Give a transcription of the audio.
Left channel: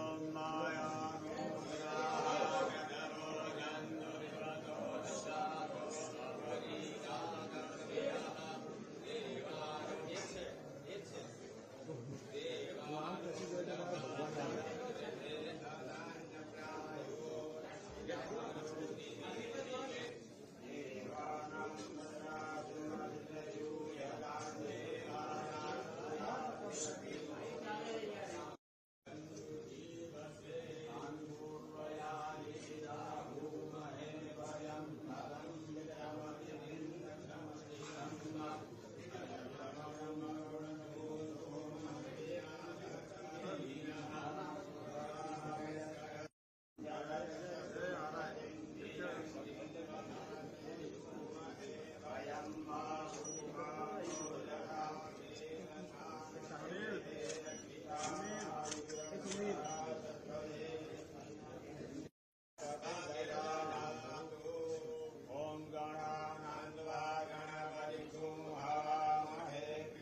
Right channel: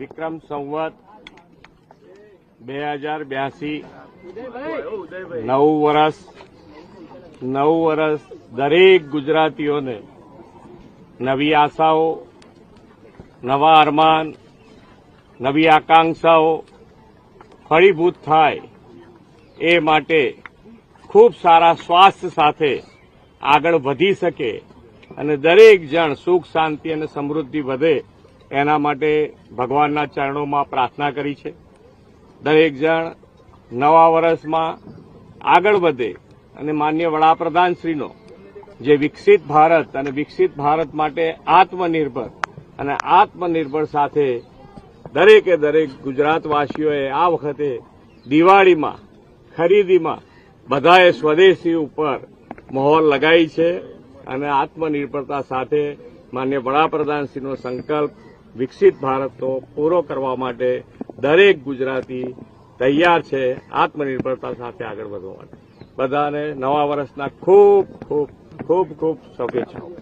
વિક્રમ સંવત બે હજાર બ્યાસી. નવ વર્ષ નવ વર્ષ દરેક ગુજરાતીઓને નવી આશાઓ, નવા અરમાન, નવી આકાંક્ષાઓ ફળીભૂત થાય એ માટે ખૂબ સારા સ્વાસ્થ્ય સાથે આગળ વધી શકે અને દરેક જણ સુખ, શાંતિ અને સમૃદ્ધિ વધે એના માટે ભગવાનના ચરણોમાં પ્રાર્થના કરી છે. દરેક જણ નવા વર્ષમાં આગળ વધે અને માન્ય વડાપ્રધાનશ્રીનો જે વિકસિત ભારત અને વિકસિત ભારત માટે આત્મનિર્ભર અને આત્મનિર્ભર સાથે દરેકે દરેક ગુજરાતવાસીઓએ આ વખતે દિવાળીમાં, ખરીદીમાં બધાએ સ્વદેશી ઉપર મહોર લગાવી છે અને આત્મનિર્ભરતા સાથે માન્ય વડાપ્રધાનશ્રીનો સંકલ્પ વિકસિત ભારતનો પૂરો કરવા માટે દરેક ગુજરાતી તૈયાર છે, આત્મનિર્ભરતા સાથે આગળ વધવા માટે. બધાને નવા વર્ષના ખૂબ ખૂબ ખૂબ ખૂબ શુભેચ્છાઓ.